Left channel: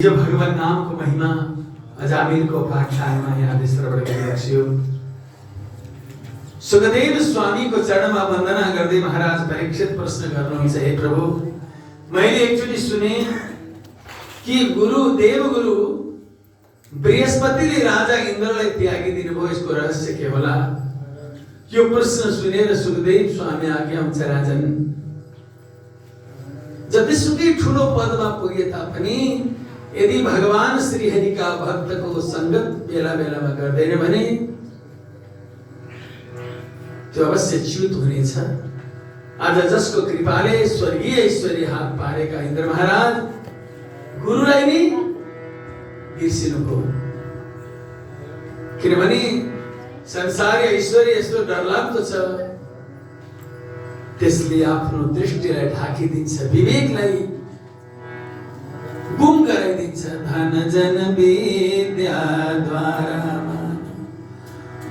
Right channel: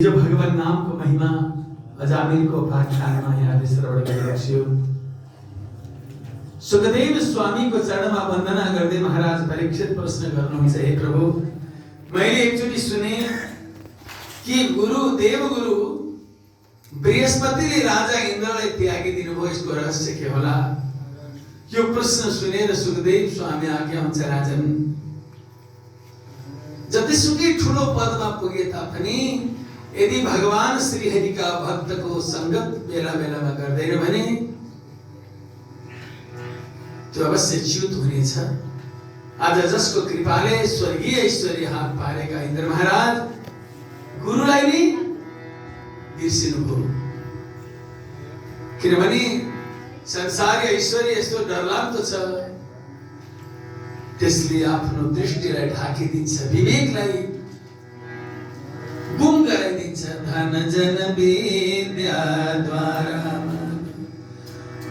जो भगवान नाम को महिमा अजामिल को पाठशालामा यहाँ श्रवण गरिरहेको सुखदेव स्वामी को चरणमा वन्दना गर्दै महाराज परीक्षित प्रश्न गर्नुहुन्छ, हे प्रभु, मैले एकचोटि सुने कि देवगुरु बृहस्पतिले राजा इन्द्रलाई त्यागी दिनुभयो, यसको रहस्य के होला? यो प्रश्न सुनेर सुखदेव स्वामी आज्ञा हुन्छ, राजन, जतिसुकै ठुलो पदमा पुगे तापनि यदि भगवान श्री हरि का भक्त को संगत बेला बेलामा गर्दैन भने त्यो अवश्य च्युत हुनेछ। आज जसको कृपाले स्वर्गीय ऐश्वर्य हात पारेका इन्द्र महाराज गुरुलाई नै बिर्सिनुभयो, किनभने संसारी ऐश्वर्य यस्तो डरलाग्दो छ, त्यसले आफ्नो दृष्टिलाई ढाकिदिन्छ, विवेकलाई गुम गराइदिन्छ। धन जन विद्या द्वारा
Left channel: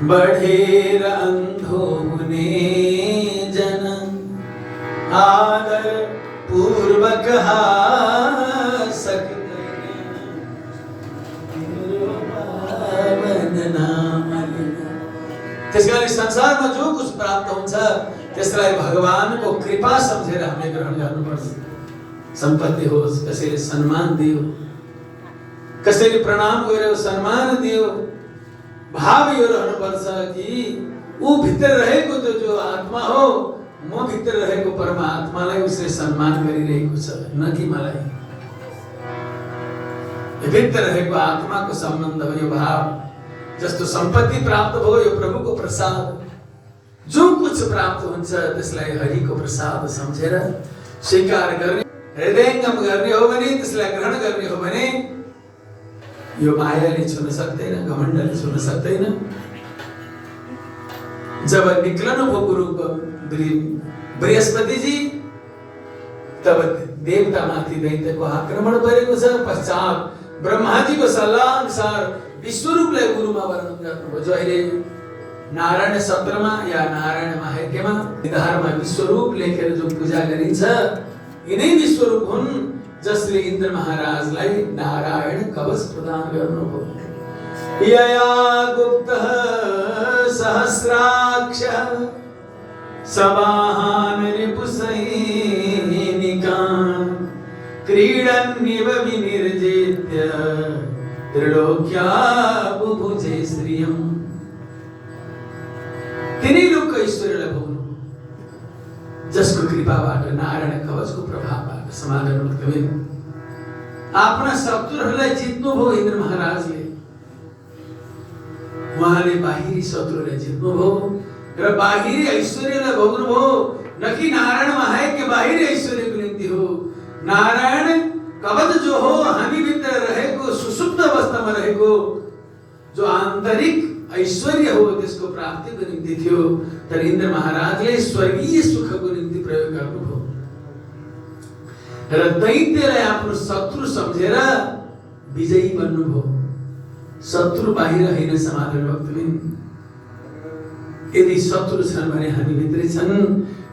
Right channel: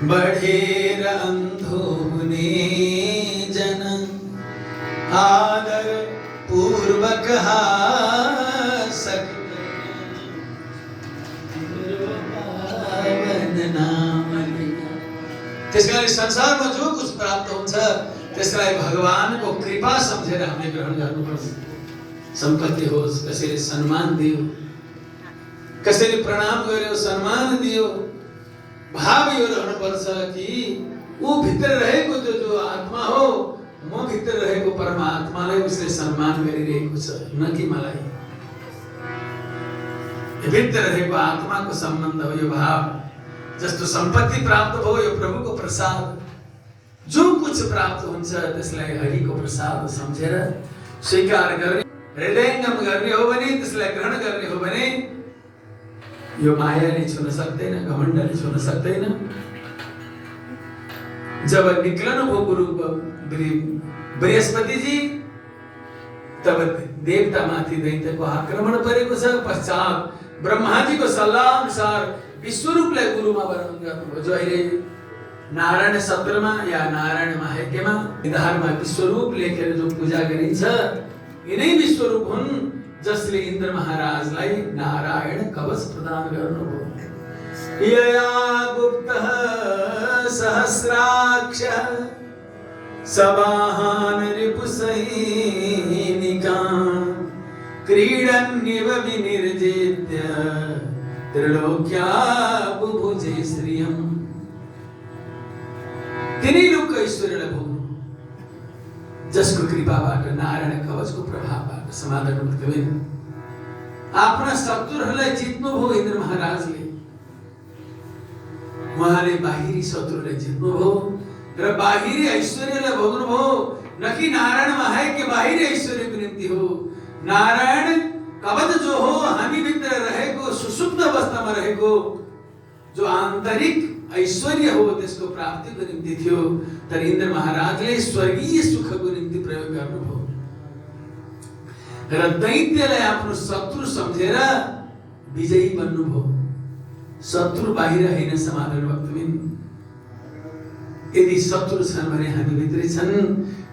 बढेर अन्धो हुने जन आदर पूर्वक त्यसकारण संसारमा जो कुछ प्राप्त हुन्छ त्यसलाई भगवानको कृपा सम्झेर हामीले ग्रहण गर्नुपर्छ। संपत्ति होस्, कसैले सम्मान दियो, कसैले प्रणाम गर्यो, सम्मान दियो, भाव यो रहनुपर्छ कि ऊ भित्र रहेको त्यो जो आत्मा हो, म भित्र रहेको परमात्मालाई उसले सम्मान गरिरहेको छ, न कि मलाई। भित्र रहेको आत्माको सम्बन्ध हो यो भाव। जस्तो सम्पत्ति प्राप्त भयो यो प्रभुको प्रसाद, जो कुछ प्राप्त हुन्छ त्यसलाई हरिको प्रसाद सम्झेर स्वीकार गर्ने, हृदयङ्गम गर्ने हो भने, त्यसलाई ग्रहण गर्ने हो भने यो मायाले छुन सक्दैन, घमण्डले छुन सक्दैन। जब निक्लनु भयो गुरु बृहस्पति जी, तब देवता माथि दैत्यको आक्रमण परेको छ। पश्चात ब्रह्माजीको सल्लाह अनुसार विश्वरूपलाई गुरुमा वर्णन गर्नुभयो, जो अहिले नारायण सत्रमा या नारायण महायज्ञमा निधारमा विश्वरूप लेखेर जो पूजा गरिन्छ, यिनै विश्वरूप हुन् जसले इन्द्र महाराजलाई नारायण कवच प्रदान गर्नुभयो। यया गुप्तः सहस्राक्ष सवाहन रिपुसैनिका क्रीडन्निव विनिर्जित्य त्रिलोक्या बुभुजे श्रियम्। तिनै लोक ऐश्वर्यलाई भोग्नु, जसको कृपाबाट, नारायण कवचको प्रभावबाट समाधान उत्कमिन आफ्ना शत्रुहरूलाई जित्नुभयो इन्द्र महाराजले। उहाँले बाहिरी शत्रुलाई जित्नुभयो र बाहिरी ऐश्वर्यलाई भोग्नुभयो, न कि नारायण महायज्ञ बाहिरी ऐश्वर्यको निम्ति हो। नारायण कवच जो हो, हामी भित्र रहेको सुसुप्त अवस्थामा रहेको जो आन्तरिक ऐश्वर्य हो, त्यसको प्राप्तिको निम्ति थियो। तर इन्द्र महाराजले स्वर्गीय सुखको निम्ति प्रयोग गर्नुभयो र दैत्यलाई आफ्नो शत्रु सम्झेर विजयी बन्नुभयो। शत्रु बाहिर होइन समाधान भक्तबिन, यदि शत्रु छन् भने हामी भित्रै छन्।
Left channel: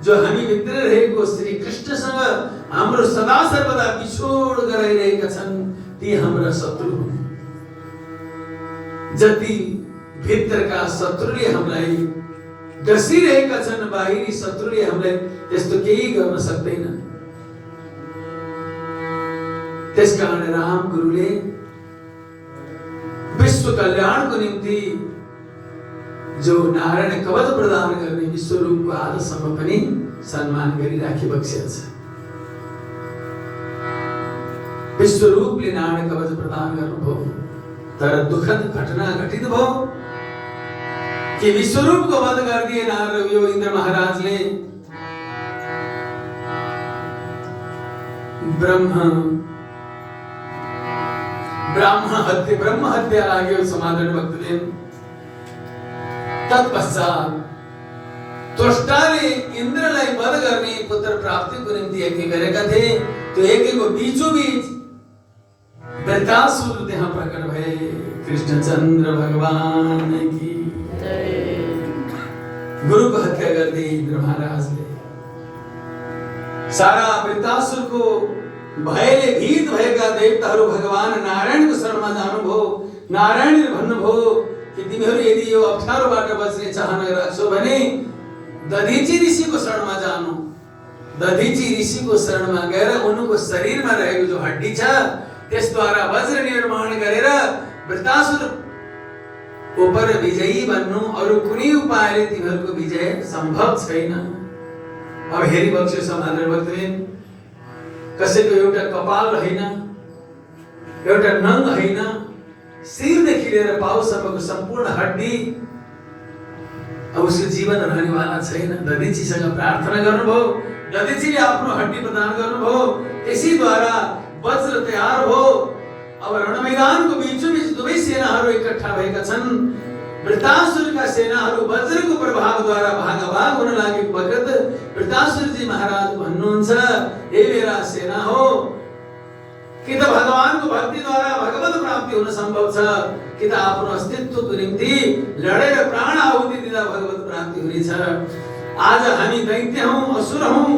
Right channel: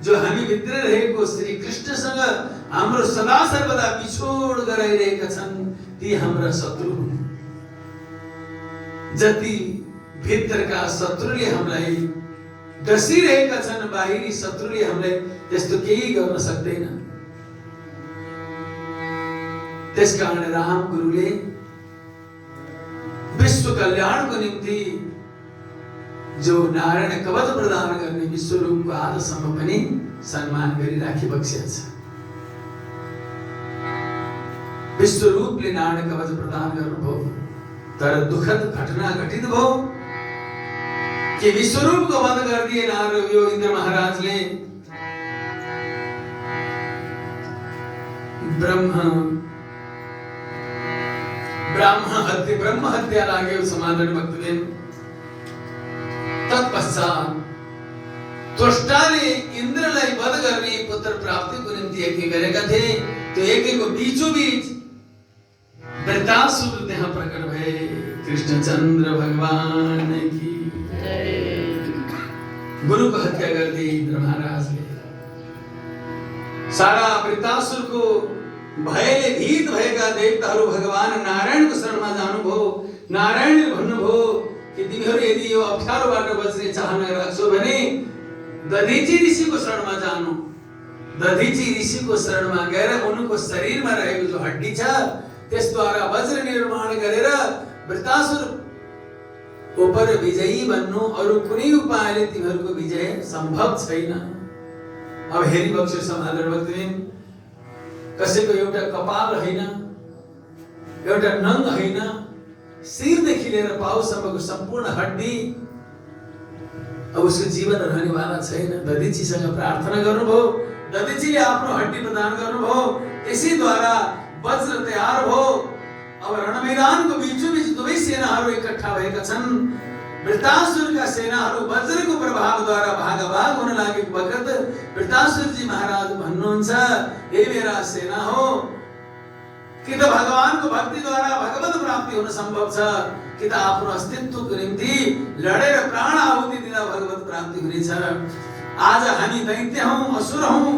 जो हामी भित्र रहेको श्री कृष्णसँग हाम्रो सदा सर्वदा बिछोड गराइरहेका छन्, ती हाम्रा शत्रु हुन्। जति भित्रका शत्रुले हामीलाई डसिरहेका छन्, बाहिरी शत्रुले हामीलाई त्यस्तो केही गर्न सक्दैन। त्यसकारण राम गुरुले विश्व कल्याणको निम्ति जो नारायण कवच प्रदान गर्ने विश्वरूपको आजसम्म पनि सम्मान गरिराखी बक्सेको छ। विश्वरूपले नारायण कवच प्रदान गर्नुभयो, तर दुखद घटना घटित भयो कि विश्वरूपको वध गरिदिए नारद यो इन्द्र महाराजले। ब्रह्म हत्या लाग्यो समाधान भक्तबिन। तत्पश्चात त्वष्टाले इन्द्रलाई वध गर्ने पुत्र प्राप्तिको निम्ति यज्ञ गरेका थिए। त्यो यज्ञको बीचोबीच वृत्तासुर त्यहाँ प्रकट भए। कृष्णचन्द्र भगवान की गुरुको हत्या गर्दै इन्द्र महाराजले सारा वृत्तासुरको भयले भीत भएका देवताहरू भगवान नारायणको शरणमा जानुभयो। नारायणले भन्नुभयो कि तिमीहरू यदि यो अप्ठ्यारोबाट बच्ने चाहना राख्छौ भने दधीची ऋषिको शरणमा जानु। दधीची ऋषिको शरणमा गएर उनको शरीरमा रहेको जो हड्डी छ त्यसद्वारा वज्र निर्माण गरेर वृतासुर उपर विजयी बन्नु। अरु कुनै उपायले तिमीहरूको विजय सम्भव छैन। अब हेरी बक्से समाधान भक्तबिन, कसैको एउटा कपाल होइन, एउटा नङ होइन, शिरदेखि लिएर पाउसम्मको सम्पूर्ण हड्डी, अब उसको जीवन रहनेवाला छैन। दधीचीसँग प्रार्थना गर्नुभयो, दधीचीले आफ्नो हड्डी प्रदान गर्नुभयो, त्यसैद्वारा वज्र तयार भयो। अब रणमैदानको बीचोबीच दुवै सेनाहरू इकट्ठा भएका छन्। वृतासुरका सेनाहरू वज्रको प्रभावद्वारा भागाभाग हुन लागेको वखत वृतासुरजी महाराज भन्नुहुन्छ, हे मेरा सेना हो, कि त भगवानको भक्तिद्वारा भगवत प्राप्ति हुन सम्भव छ, कि त आफ्नो अस्तित्वको निम्ति लडेर प्राण आहुति दिँदा भगवत प्राप्ति हुनेछ। आज हामी दैत्य हौं, असुर हौं,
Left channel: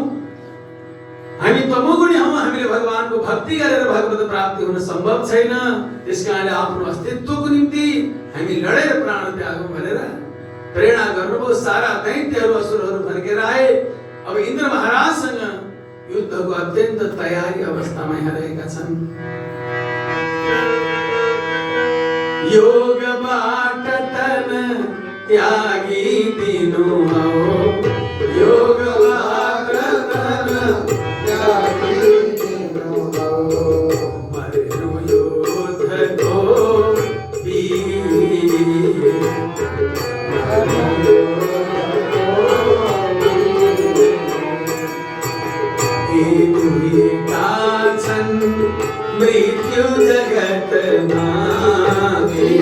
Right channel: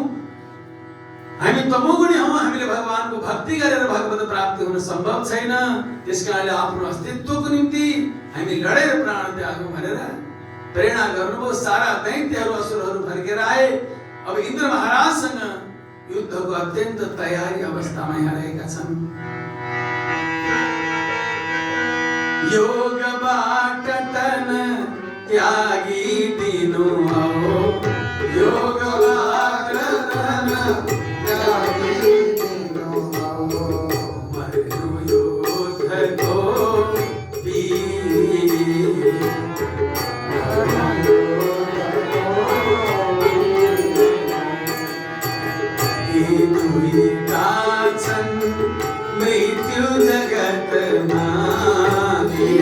हामी तमोगुणी हौं, हामीले भगवानको भक्ति गरेर भगवत प्राप्ति हुन सम्भव छैन। त्यसकारणले आफ्नो अस्तित्वको निम्ति हामी लडेर प्राण त्यागौं भनेर प्रेरणा गर्नुभयो। सारा दैत्यहरू असुरहरू फर्केर आए। अब इन्द्र महाराजसँग युद्धको अत्यन्त तयारी अवस्थामा यहाँ रहेका छन्। योगबाट तन त्यागी दिनु हो, योगबाट तन त्यागी दिनु हो, मरनु योधको वीर, मरनु योधको वीर। दुई काछन् मृत्यु जगतमा, दुई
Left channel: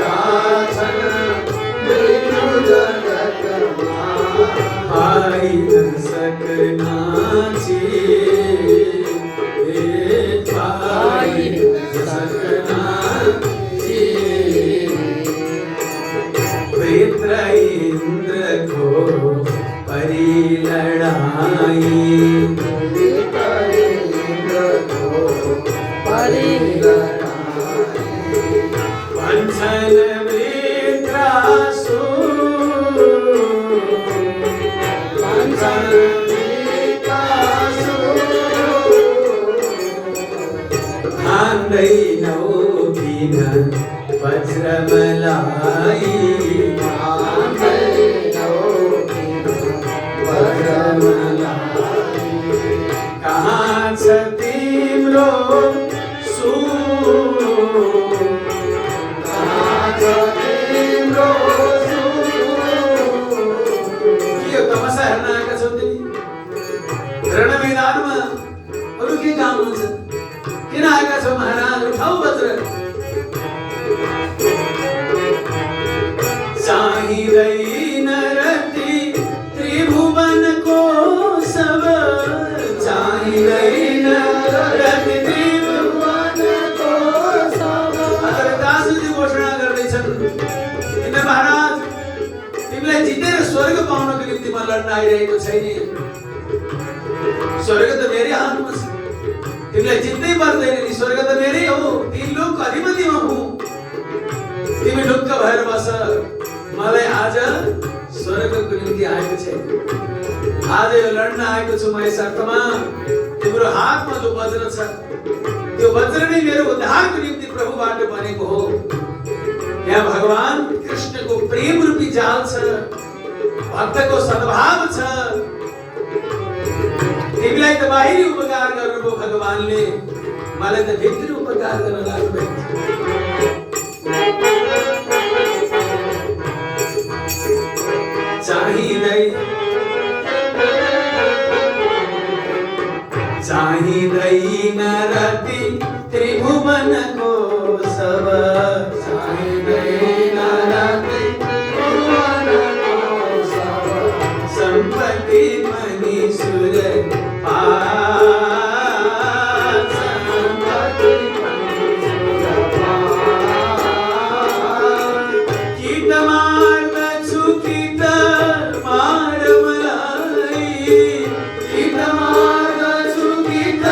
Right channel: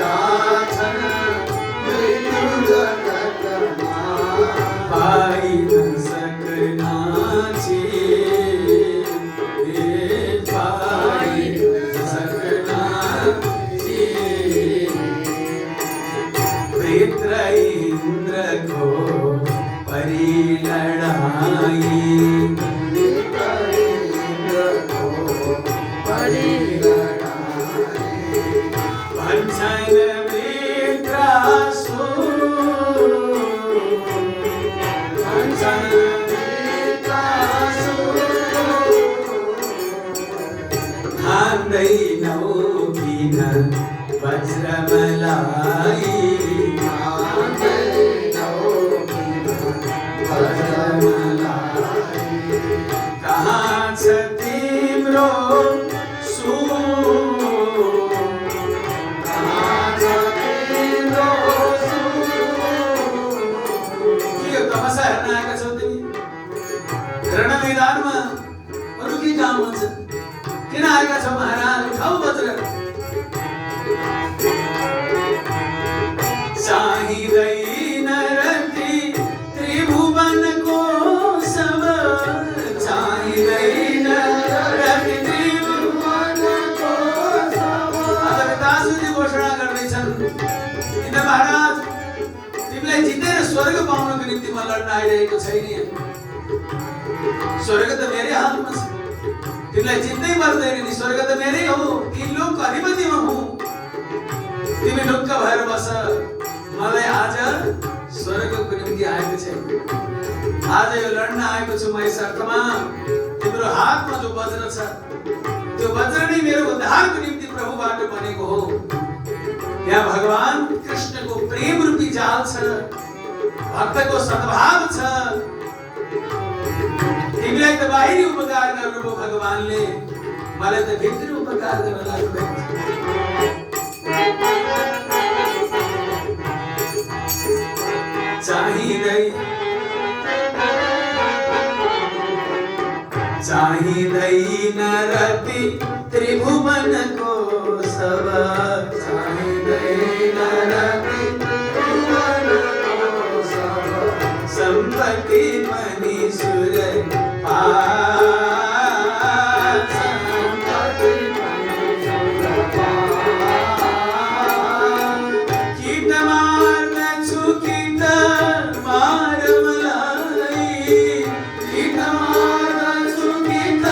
काछन् मृत्यु जगतमा, पाइ न सकना छे, पाइ न सकना छे। वृत्र इंद्र को परि लड़ाई, वज्रमलाई, कहाँ छ तिम्रो सुर, कहाँ छ तिम्रो सुर। के तपस्या हेर्न आएका छौ तिमी? रणमैदानमा अरु के काम हुन्छ? किन आएका छौ महाराज? उठाऊ वज्र। चाहिँदैन रति त्रिभुवनको सब, चाहिँदैन रति त्रिभुवनको सब। दासुजी घोषणा गर्दैछन्, किन महाराज तिमीलाई जितेर स्वर्ग पाउनको निम्ति म लड्न आइरहेको छैन। स्वर्ग त मेरै हातमा छ, तिमीलाई जित्नै पर्दैन नि। स्वर्ग त मेरै हो, तीन लोकको अधिपति म हुँ। तिमी ढुक्क भएर बस। मलाई आज स्वर्गको निम्ति आएको छैन, आज यो लड्न आएको छु म। यस अर्थमा तिम्रो हातमा जो वज्र छ त्यो वज्र नै मेरो उद्धारको निम्ति प्रभुबाट बनेको हो। यहाँ भगवान कृष्णको प्रेम रूपी जाल छ, भक्तको सद्भाव छ। तिमीलाई त बाहिरी उपकार गर्नुभयो भगवानले, मलाई त भित्री उपकार गर्न लाग्नुभएको छ। चाहिँदैन रति त्रिभुवनको सब, चाहिँदैन रति त्रिभुवनको सब। सम्पत्ति मणि सुर पास, सम्पत्ति मणि सुर पास। कित मार्दछु कित मार मलाई, कित मार्दछु कित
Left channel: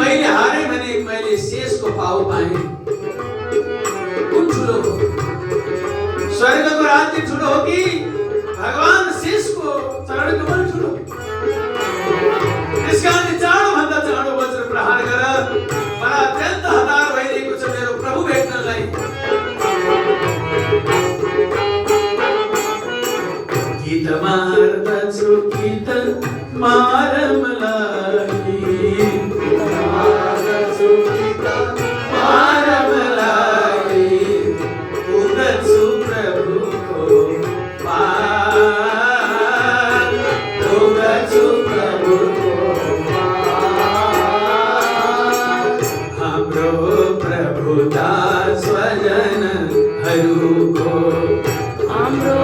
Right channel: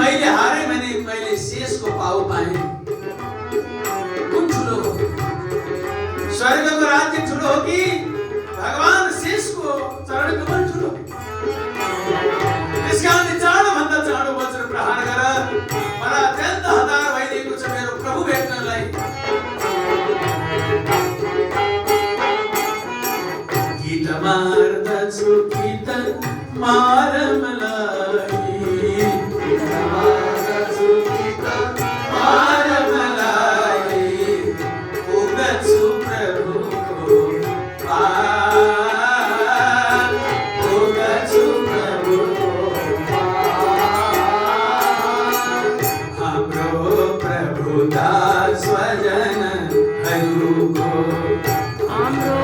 मैले हारे भने मैले शेषको पाउ पाएँ। कुन ठुलो हो? स्वर्गको राज्य ठुलो हो कि भगवान शेषको चरण कमल ठुलो? त्यसकारणले चाँडोभन्दा चाँडो वज्र प्रहार गर। मलाई अत्यन्त हतार भइरहेको छ मेरो प्रभु भेट्नलाई। गीत मार्दछु गीत मारमलाई, मारमलाई पुग्दछु प्रभुको पार, पुग्दछु प्रभुको पार। हाम्रो प्रभु दास स्वजनहरूको, हाम्रो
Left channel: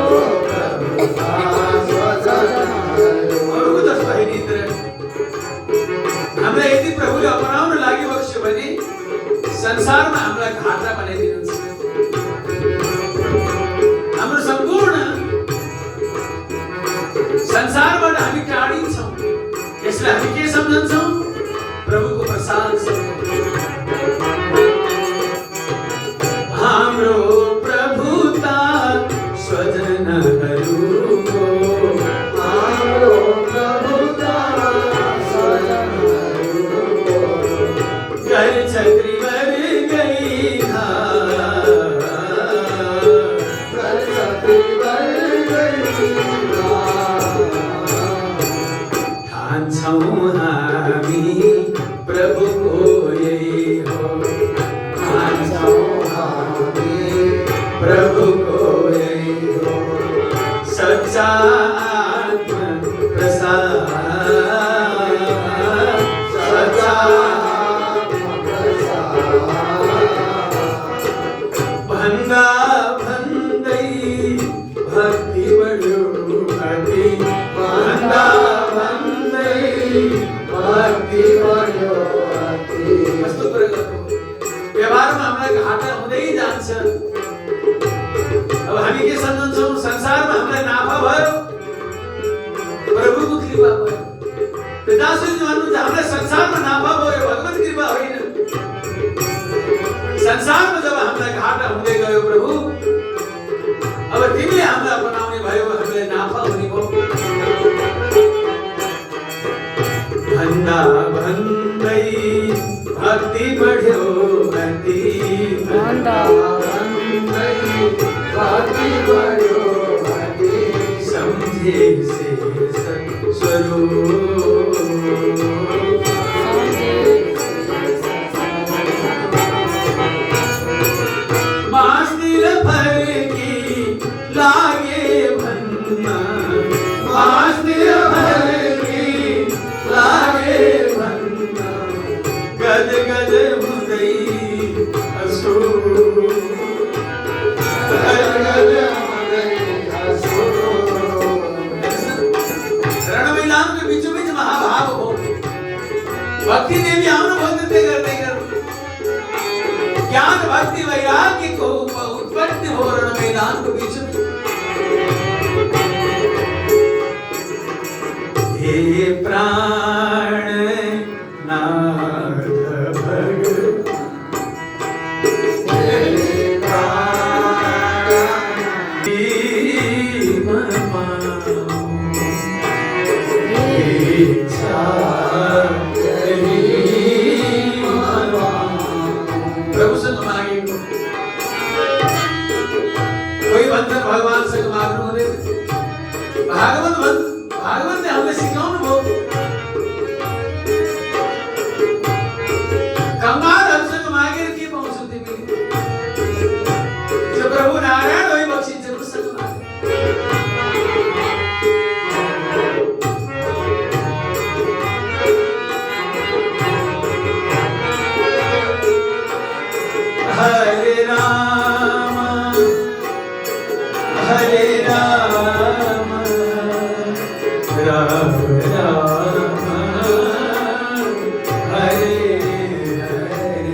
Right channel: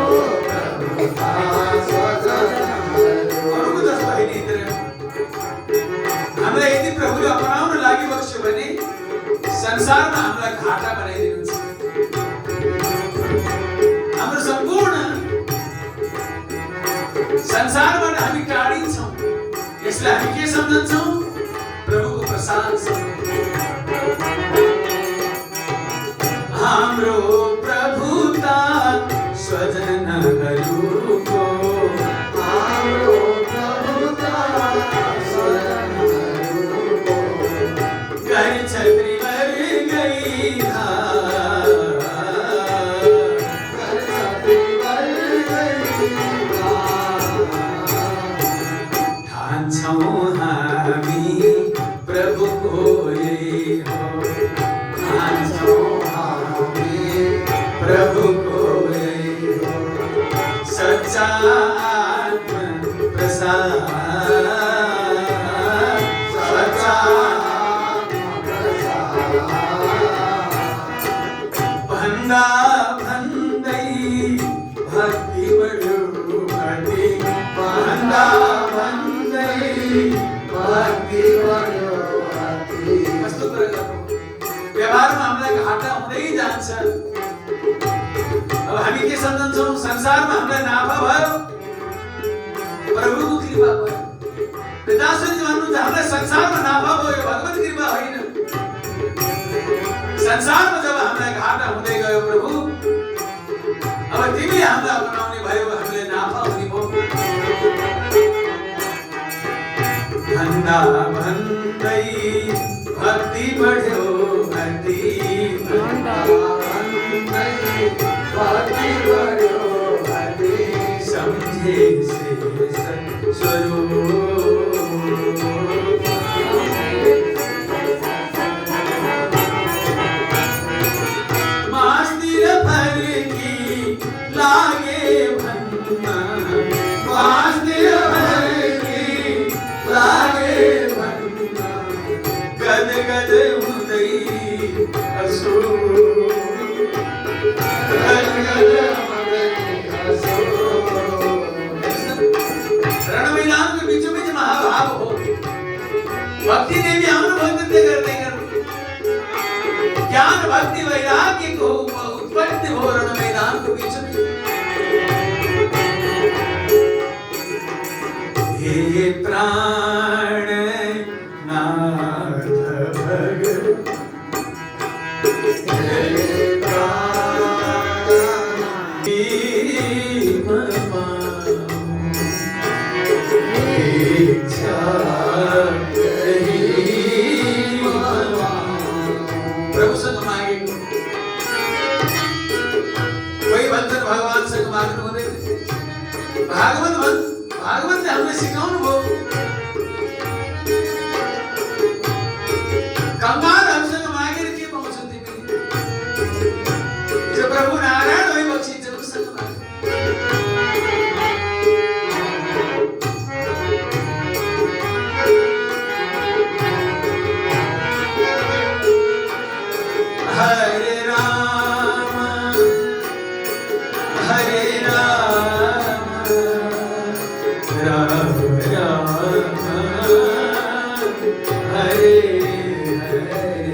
हामीलाई यदि प्रभुले अपनाउन लागि बक्स्यो भने संसारमा हामीलाई घाटा बनाइदिनुहुन्छ। हाम्रो सम्पूर्ण संसारबाट हामी टाढिन्छौँ। यसलाई हामी के सम्झन्छौँ? प्रभुको प्रसाद सम्झन्छौँ। हाम्रो प्रभुता स्वजनहरूको, हाम्रो प्रभुता स्वजनहरूको, घर छत्री भर गई घर छत्री भर गई। ठान्छौँ हामी प्रभुको यही हो, ठान्छौँ हामी प्रभुको यही हो। सच्चा आत्म प्रसाद, सच्चा आत्म प्रसाद। भन्दा भन्दै भक्ति बढ्यो भक्ति, भन्दा भन्दै भक्ति बढ्यो भक्ति। कस्तो प्रकारको व्यवहारमा हामीलाई घाटा हुँदै जान्छ। अब हामी के सम्झन्छौँ? संसारमा हामीलाई नाफा भयो, प्रभुको कृपा भयो। पिताश्रीले भन्नुहुन्छ हामीलाई संसारमा नाफा भयो, भगवत कृपा होइन। संसारमा जब हामीलाई घाटा हुँदै गयो प्रभु, अब तिमीले हामीलाई बनाउने भयो, हामीलाई नाफा हुने भयो। भन्दा भन्दै भक्ति बढ्यो भक्ति, भन्दा भन्दै भक्ति बढ्यो भक्ति। सम्झे शेष स्वरूप, मास्तिर फर्की लागे भन्न, मास्तिर फर्की लागे भन्न। गद गद हुँदै हँसो, गद गद हुँदै हँसो। रण मैदानको बिचो बिच महाभाव हो। भक्ति देवी आउनुभयो त्यही गर्दै गर्दै ज्ञान भक्ति वैराग्यको उत्पत्ति हो रण मैदानको बिचमा। हे प्राण नाथ भगवान, हे प्राण इच्छा प्रभुसँग मागेको। कोही भन्छन् भगवानसँग माग्नु हुँदैन। भागवतले हामीलाई सिकाउनु भयो। कंगालहरूसँग मागेर के पाउँछौ तिमीले? प्रभु नारायण होइ बक्सिन्छन् उसँग माग। हरे राम हरे राम, राम राम हरे हरे।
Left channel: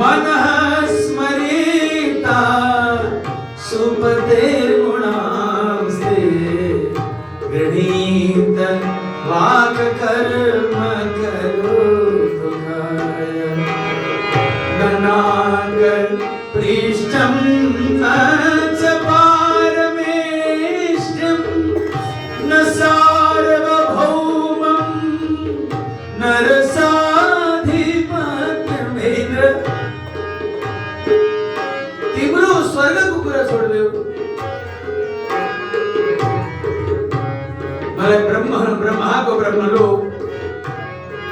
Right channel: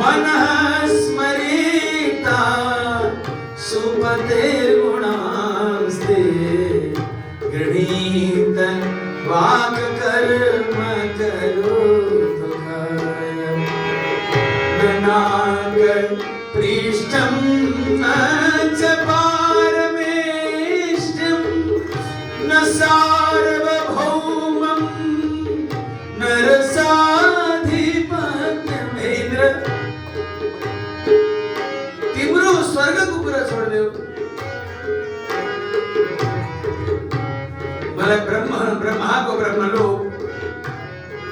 मनः स्मरेता सुपतेर्गुणांस्ते गृहीत वाक् कर्म करोतुकाय ननाक पृष्ठं न च पारमेष्ठं न सार्वभौमं न रसाधिपत्यमेन्द्र तिम्रो स्वर्गको कुरा छोड्देऊ मलाई ब्रह्माको ब्रह्मलोक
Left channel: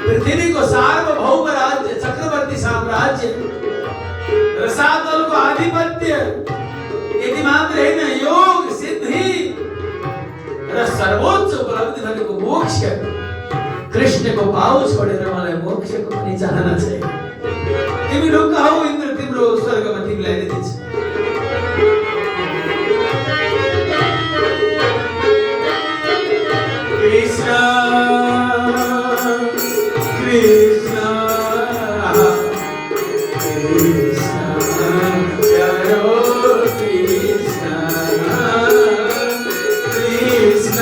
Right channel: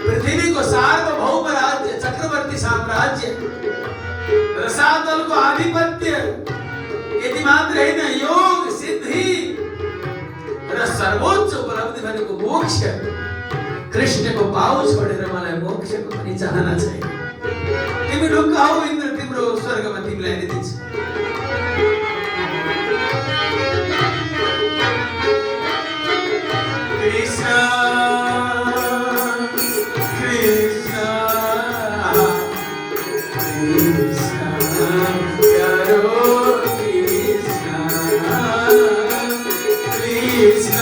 पृथ्वीको सार्वभौम राज्य चक्रवर्ती साम्राज्य रसातलको आधिपत्य यति मात्र हैन योग सिद्धि र सर्वोच्च उपलब्धि भनेको मोक्ष कृष्णको पाउ छोडेर मलाई मोक्षको पनि चाहना छैन तिमी ढुक्क हौ इन्द्र तिम्रो स्वर्गमा तिमीलाई नै दिन्छ कृष्ण कृष्ण कृष्ण करो कृष्ण कृष्ण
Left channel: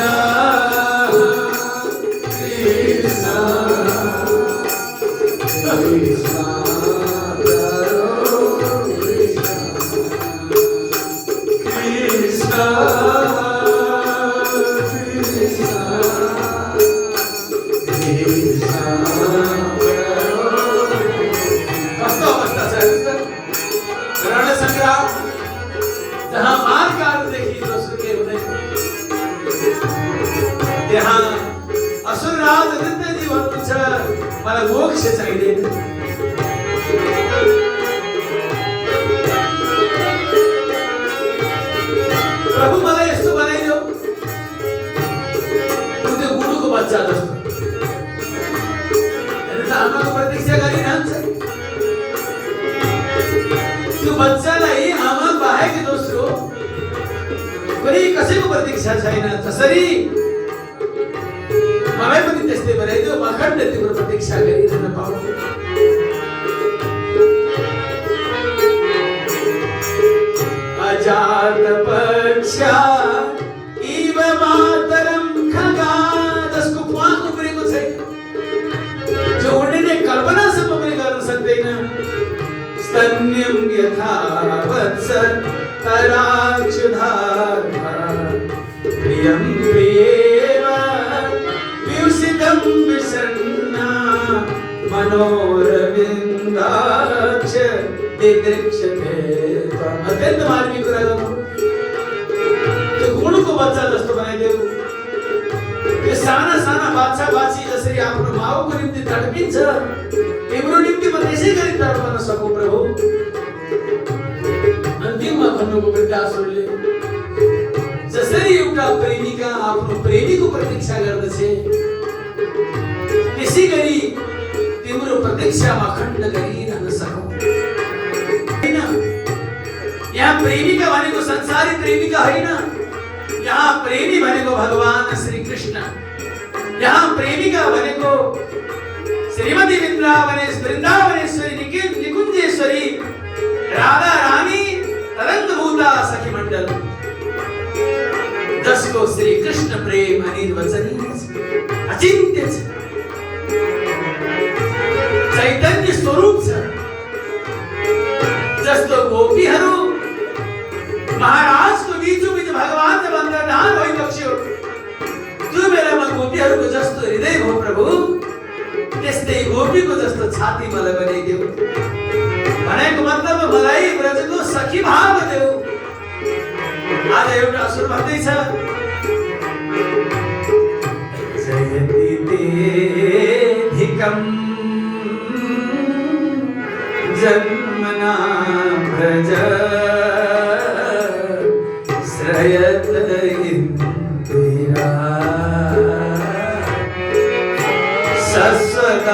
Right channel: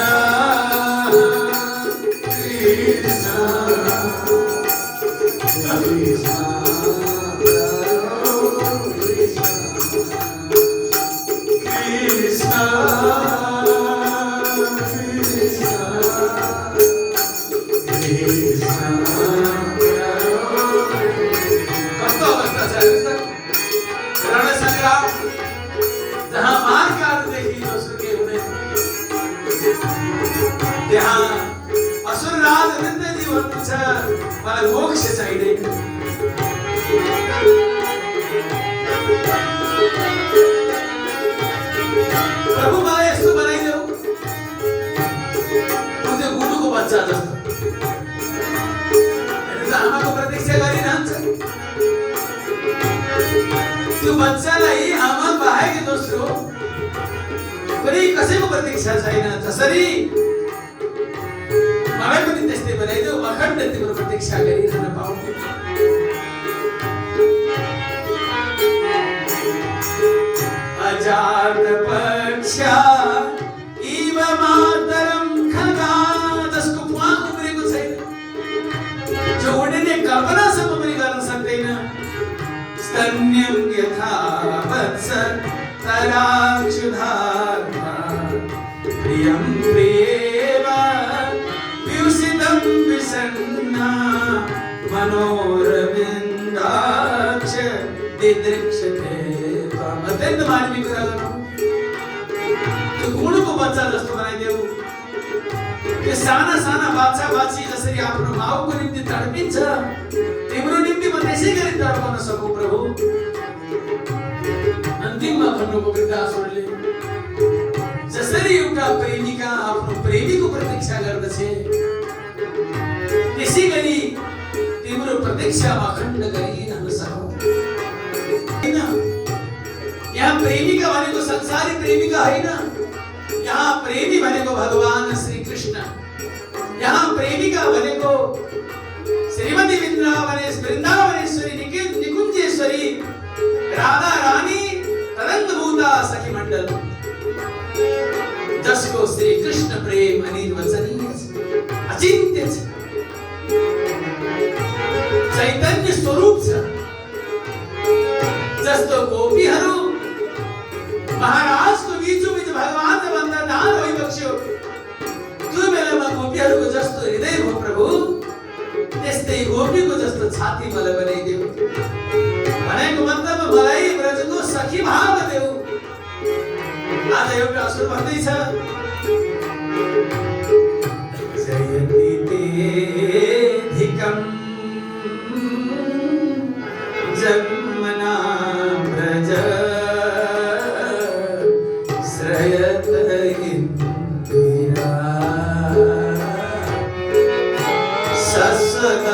मोक्ष चाहिए प्रभु मलाई यस्तो बनाइदेऊ त्यो गुरुको बच्चा जस्तो आमाको प्रतीक्षा गरिरहन्छ त्यो बच्चालाई आमा बाहेक दोस्रो कुनै कसैको प्रतीक्षा छैन जसरी मलाई पनि त्यस्तै बनाइदेऊ अखण्ड तिम्रो प्रतीक्षा गरिरहन पाऊ अजात पक्षा इव मातरम खगा जसको प्वाख उब्रेको छैन जो उड्ने कल्पनासम्म पनि गर्न सक्दैन स्तन्यम यथा वत्स तराक्षुधार्मा प्रियं प्रियेव व्युषितं विषण्णा मनोरविन्दाक्ष दिदृक्षते त्वम् अत्यन्त मार्मिक कुरा गर्नु त्यो गुणको बच्चा जस्तो बनाइदेऊ यो साना साना बाछा बाछी जसरी आफ्नो माउको निम्ति तडपिन्छ तिम्रो निम्ति म त्यसै गरी तडपन सकौँ प्रभु अन्तिममा भन्नुको वृद्धासुरले जसरी एउटा प्रेमिका आफ्नो प्रेमीको प्रतीक्षा गर्दछ त्यसै गरी तिम्रो प्रतीक्षामा अखण्ड गरिरहन सकौँ हैन यहाँ प्रेमिका भनेको संसारी प्रेमिका हैन यहाँ प्रेमी भनेको भगवान श्री कृष्ण यहाँ प्रेमिका भनेको श्रीमती वृन्दावनेश्वरी निकुञ्जेश्वरी राधा रानी तरङ्गभूता सखी मण्डल जसको श्री कृष्ण प्रेम अनिर्वचनीय अचिन्त्य छ चैतन्य स्वरूप छ जस्तो गोपीहरू महाराजको बीचोबीच भगवान बन्ददान भइबक्स्यो त्यो बेलामा गोपीहरूको जस्तो हृदय भयो प्रभु त्यस्तै गोपीको जस्तो छाती मलाई बनाइदेऊ भनेको मतलब मलाई ब्रजको सखी भाव देऊ आज एउटा असुर भन्दैछ जयति तेधिकं जन्मना ब्रज श्रयत इंदिरा शश्वत